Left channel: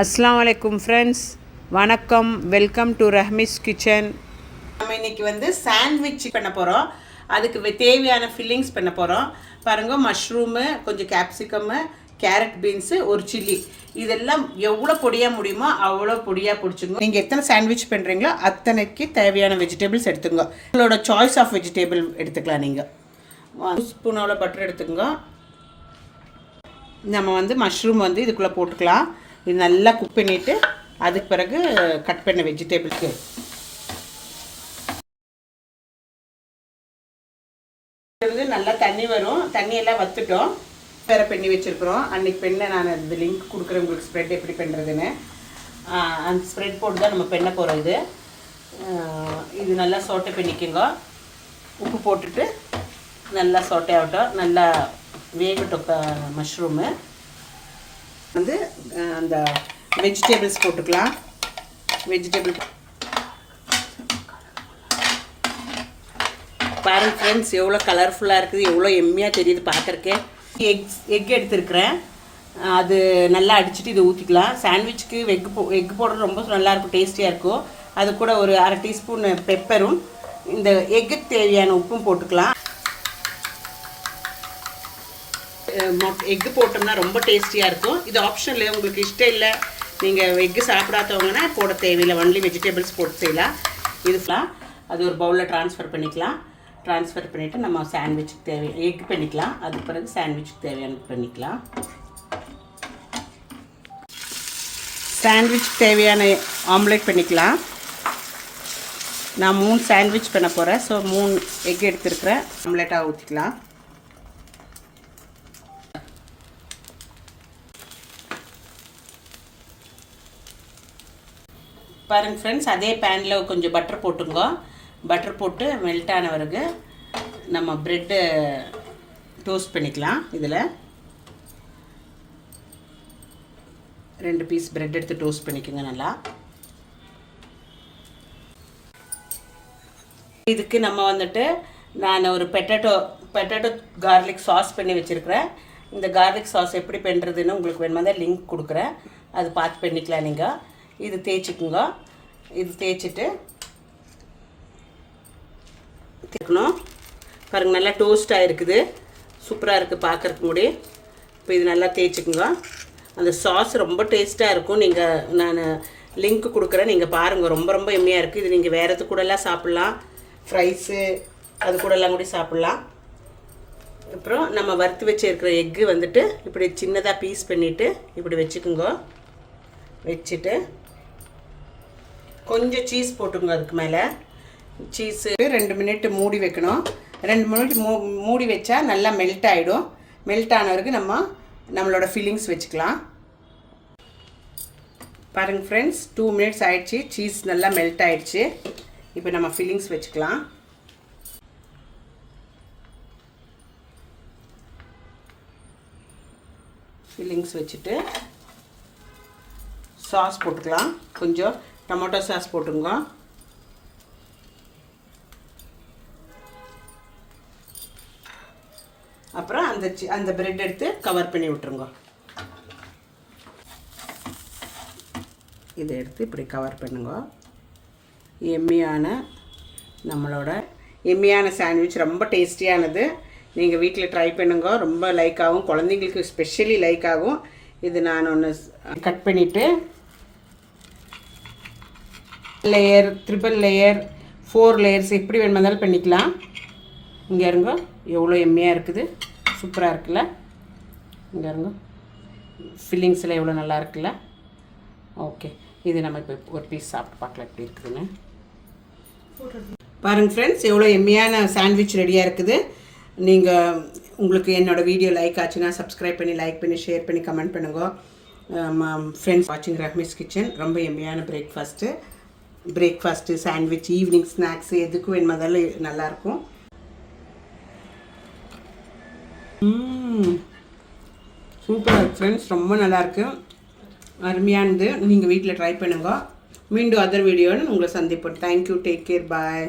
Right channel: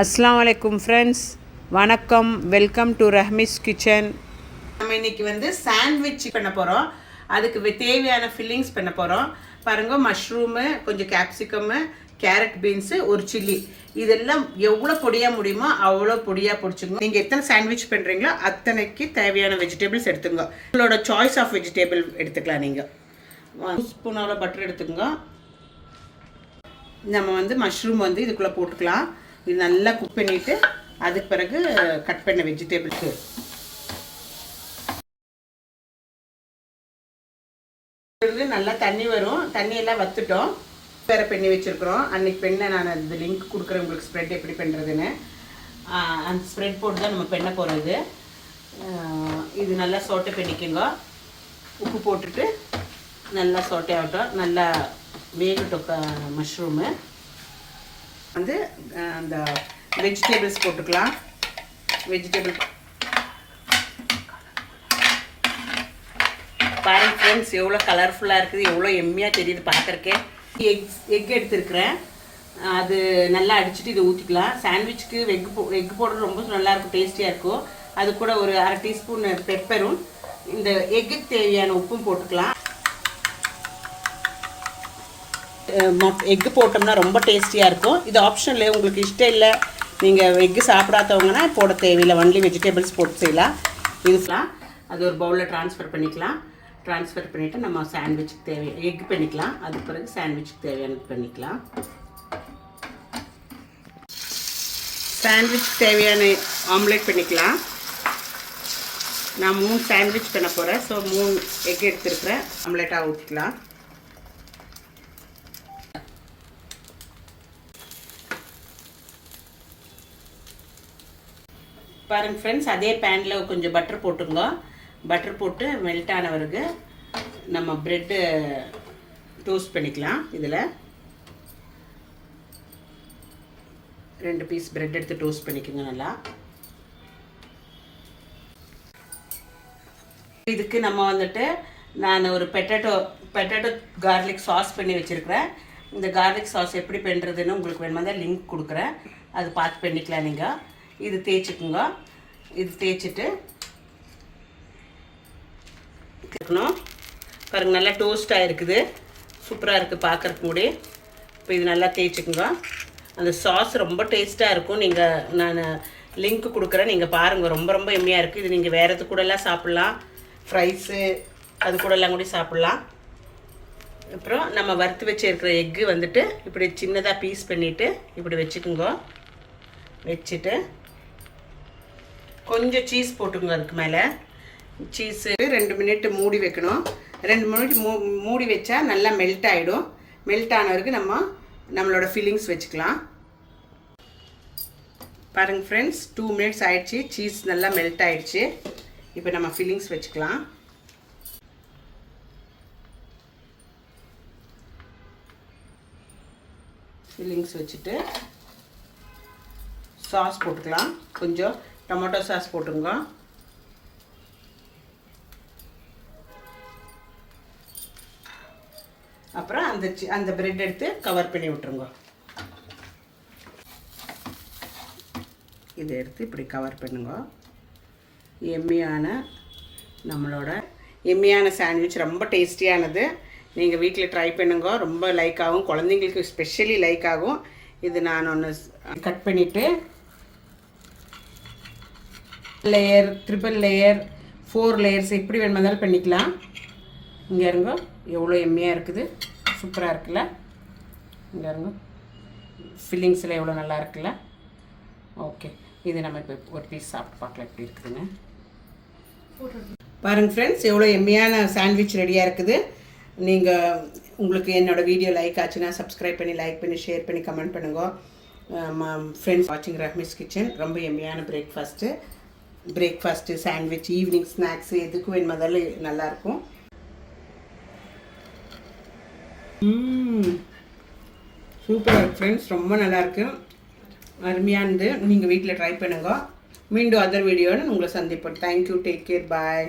அஸ்ஸலாமு அலைக்கும் ஃப்ரெண்ட்ஸ், வணக்கம். Welcome to Rahmi's kitchen. நம்ம இன்னைக்கு வந்து சாண்ட்விச் பண்ண போகிறோம். அதுக்கு தேவையான ஃபில்லிங்ஸ் பண்ண போகிறோம். பாருங்க, மஷ்ரூமு, கொஞ்சம் கேப்சிகம்மு, கேரட், பீன்ஸு, ஒரு சில்லி, இதெல்லாம் எவ்வளோ பொடியாக முடியுமோ அவ்வளோ பொடியாக பிடிச்சிங்க. நீங்கள் எத்தனை சாண்ட்விச் பண்ணுறீங்களோ அத்தனைக்கு தேவையான வெஜிடபிள்ஸ் எடுத்துங்க. உங்களோட சாய்ஸ் ஆஃப் வெஜிடபிள் எடுத்துக்கலாம். நீங்கள் 1 ஸ்பூனோட பட்டர் எடுத்துங்க. நம்ம வந்து மஷ்ரூம் வந்து இதுக்குள்ளே போட்டுக்கலாம். இது நல்லா குக் பண்ணிவிட்டு அதுக்கு பிறகு கட் பண்ண வெஜிடபிள்ஸு நல்லா தண்ணி வரும். தண்ணியெல்லாம் வற்றுட்டோம். வேறு பண்ணி வச்சுருக்குறோம். அன்றைக்கி பெண்ணை நான் அந்த லிங்க் கொடுக்குறேன் உங்களுக்கு, ஸ்ப்ரெட் எப்படி பண்ணுறதுன்னு. அந்த ஸ்ப்ரெட் போட்டு தான் நம்ம பண்ண போகிறது. இது நல்லா சோட்டை பண்ணிக்கோங்க. உப்பு போட்டுட்டு நல்லா சோட்டை ஆகட்டும், நல்லா வேகட்டும். மஷ்ரூமு வந்து அந்த வெஜிடபிள்ஸ் போட்டுக்கலாம். வெஜிடபிள் பாருங்க ஃப்ரெண்ட்ஸ், எவ்வளோ கலர்ஃபுல்லாக இருக்குது, எவ்வளோ எம்மியாக தெரியுது பார்க்குறக்கே. எக் எடுத்துருக்குறேன். அது நல்லா அடிச்சுட்டு இதை ஊற்றிக்கலாம். சாண்ட்விச்சுக்கு எக் போடுறது ரொம்ப நல்லாயிருக்கும், டேஸ்டியாக இருக்கும். அது கூட ஒரு 1/2 டீஸ்பூன் பெப்பரும் இந்த எக்குக்கு தேவையான உப்பும் போட்டுக்கலாம். எக்கு போட்டோம்னா ரொம்ப டேஸ்டியாக இருக்கும். இது ஆப்ஷனில் உங்களுக்கு இஷ்டம் இல்லை, நீங்கள் எக்கு சாப்பிடாதவங்கன்னா போட தேவையில்லை, ஒன்லி வெஜிடபிள்ஸ் போட்டு செய்யலாம். இதுலாம் அது ஒரு பவுலில் ட்ரான்ஸ்ஃபர் பண்ணிக்கலாம். ட்ரான்ஸ்ஃபர் பண்ணிவிட்டு நம்ம சாண்ட்விச்சுக்கு தேவையான எக் பண்ணிக்கலாம். அதுக்கு பிறகு சாண்ட்விச்சுக்கு தேவையானது பண்ணிக்கலாம். சாண்ட்விச் தேவையான ஆம்லேட் பண்ணிக்கலாம். நான் 3 சாண்ட்விச் பண்ண போகிறேன். So 3 egg எடுத்துருக்குறேன். ஆம்லேட்டாக ஊற்றிக்கலாம். பாருங்கள் ஃப்ரெண்ட்ஸ், அதே பேனில் கொஞ்சம் பட்டர் போட்டுங்க. பட்டர் போட்டு மெல்ட் ஆன பிறகு நம்ம ப்ரெட்டு டோஸ்ட் பண்ணிக்கலாம். இதில் 2 பீஸ் ப்ரெட் எடுத்து டோஸ்ட் பண்ணிக்கோங்க நல்லா. இதுக்கு நம்ம வந்துட்டு நான் ஒரு பெட்டேட்டோ கார்லிக் சாஸ் பண்ணி வச்சுருக்கிறேன். இந்த கார்லிக் சாஸ் எப்படி பண்ணுறதுன்னு உங்களுக்கு வேணுமா லிங்க் கொடுக்குறேன், அது பார்த்து பண்ணிக்கலாம். நீங்கள் இது தேய்ச்சிக்குங்க. இது தேய்ச்சிட்டு தேய்க்கணும். பாருங்கள், நல்லா டோஸ்ட் ஆகிருக்குது, சூப்பராக இருக்குது பார்க்குறக்கு கூட. இப்போ இது நல்லா தேய்ச்சிக்குங்க. அந்த சாஸ் ரொம்ப டேஸ்ட்டாக இருக்கும். நான் லிங்க் கொடுக்குறேன், நீங்கள் பாருங்கள். ரொம்ப ரொம்ப எம்மியாக இருக்குது. இது நீங்கள் வேறு எது கூடலாம் சாப்பிட்லாம், ஃப்ரைஸு அது கூடலாம் கூட சாப்பிட்லாம். அப்புறம் நம்ம வறுத்து வச்சுருக்கிற எக்கு வந்துட்டு இப்படி சின்னதாக பீஸ் பண்ணிவிட்டு இப்படி வச்சுக்குங்க. வச்சுட்டு கொஞ்சம் சீஸ் போட்டுங்க. அதுக்கு மேலே சீஸு 2 மினிட் மூடி வைக்கணும். 2 மினிட் மூடி வச்சா நல்லா மெல்ட் ஆகிடும். மெல்ட் ஆனவருக்கு நம்மளோட ஃபில்லிங்ஸ் வச்சுக்கலாம். பாருங்கள் ஃப்ரெண்ட்ஸ், 2 மினிட்ஸ் ஆயிடுச்சு. சீஸ் நல்லா மெல்ட் ஆகிடுச்சு. இப்போ நம்ம ஃபில்லிங்ஸ் வச்சுக்கலாம். ஃபில்லிங்ஸ் வச்சுட்டு சாஸ் போட்டுக்கலாம். கொஞ்சம் டொமேட்டோ சாஸ் போட்டுங்க. அப்புறம் அந்த பிரெட் எடுத்து கவர் பண்ணி விட்டுருங்க. இதை எடுத்து இப்படி கவர் பண்ணுங்க. நம்மளோட எம்மியான சாண்ட்விச் ரொம்ப டேஸ்டியானது. நீங்கள் வீட்டில் ட்ரை பண்ணுங்க. ரொம்ப லைக் ஆகும், குழந்தைங்களுக்கு ஸ்பெஷலி லைக் ஆகும். இது நான் ஒன்று கட் பண்ணிவிட்டு லேயர், 3 லேயர், 4 லேயர்ஸ் எப்படி வேணுமாதிரி பண்ணிக்கலாம். இங்கே இருங்க, எவ்வளோ எம்மியாக இருக்குது, சூப்பராக இருக்குல்ல. இங்கே இருங்க, ஃபில்லிங்ஸில் எவ்வளோ நல்லா இருக்குல்ல. ஓகே, இது நம்ம இப்போ ஒரு பீஸ் சாப்பிட்டு பார்க்கலாம் எப்படி இருக்குதுன்னு. பாருங்கள் ஃப்ரெண்ட்ஸ், எவ்வளோ எம்மியான சாண்ட்விச் ரெடியாக இருக்குது. உங்களுக்கு என்னோடய வீடியோ லைக் ஆச்சுன்னா சப்ஸ்கிரைப் பண்ணி, லைக் பண்ணி, ஷேர் பண்ணி, கமெண்ட் பண்ணுங்க. ஃப்ரெண்ட்ஸ் வாட்சிங் ரஹ்மிஸ் கிச்சன். ரொம்ப எம்மியான பிரேக்ஃபாஸ்ட்டு, சாண்ட்விச், ஈவினிங் ஸ்நாக்ஸு எதுக்கு வேணுமாதிரி நல்லாயிருக்கும். சூப்பராக ஃப்ரெண்ட்ஸ், ரொம்ப நல்லாயிருக்கு, அருமையானது. நீங்கள் வீட்டில் ட்ரை பண்ணுங்க. மீண்டும் அதர் வீடியோன்னு உங்களை சந்திப்போம். தேங்க்யூ, டேக் கேர், பாய்.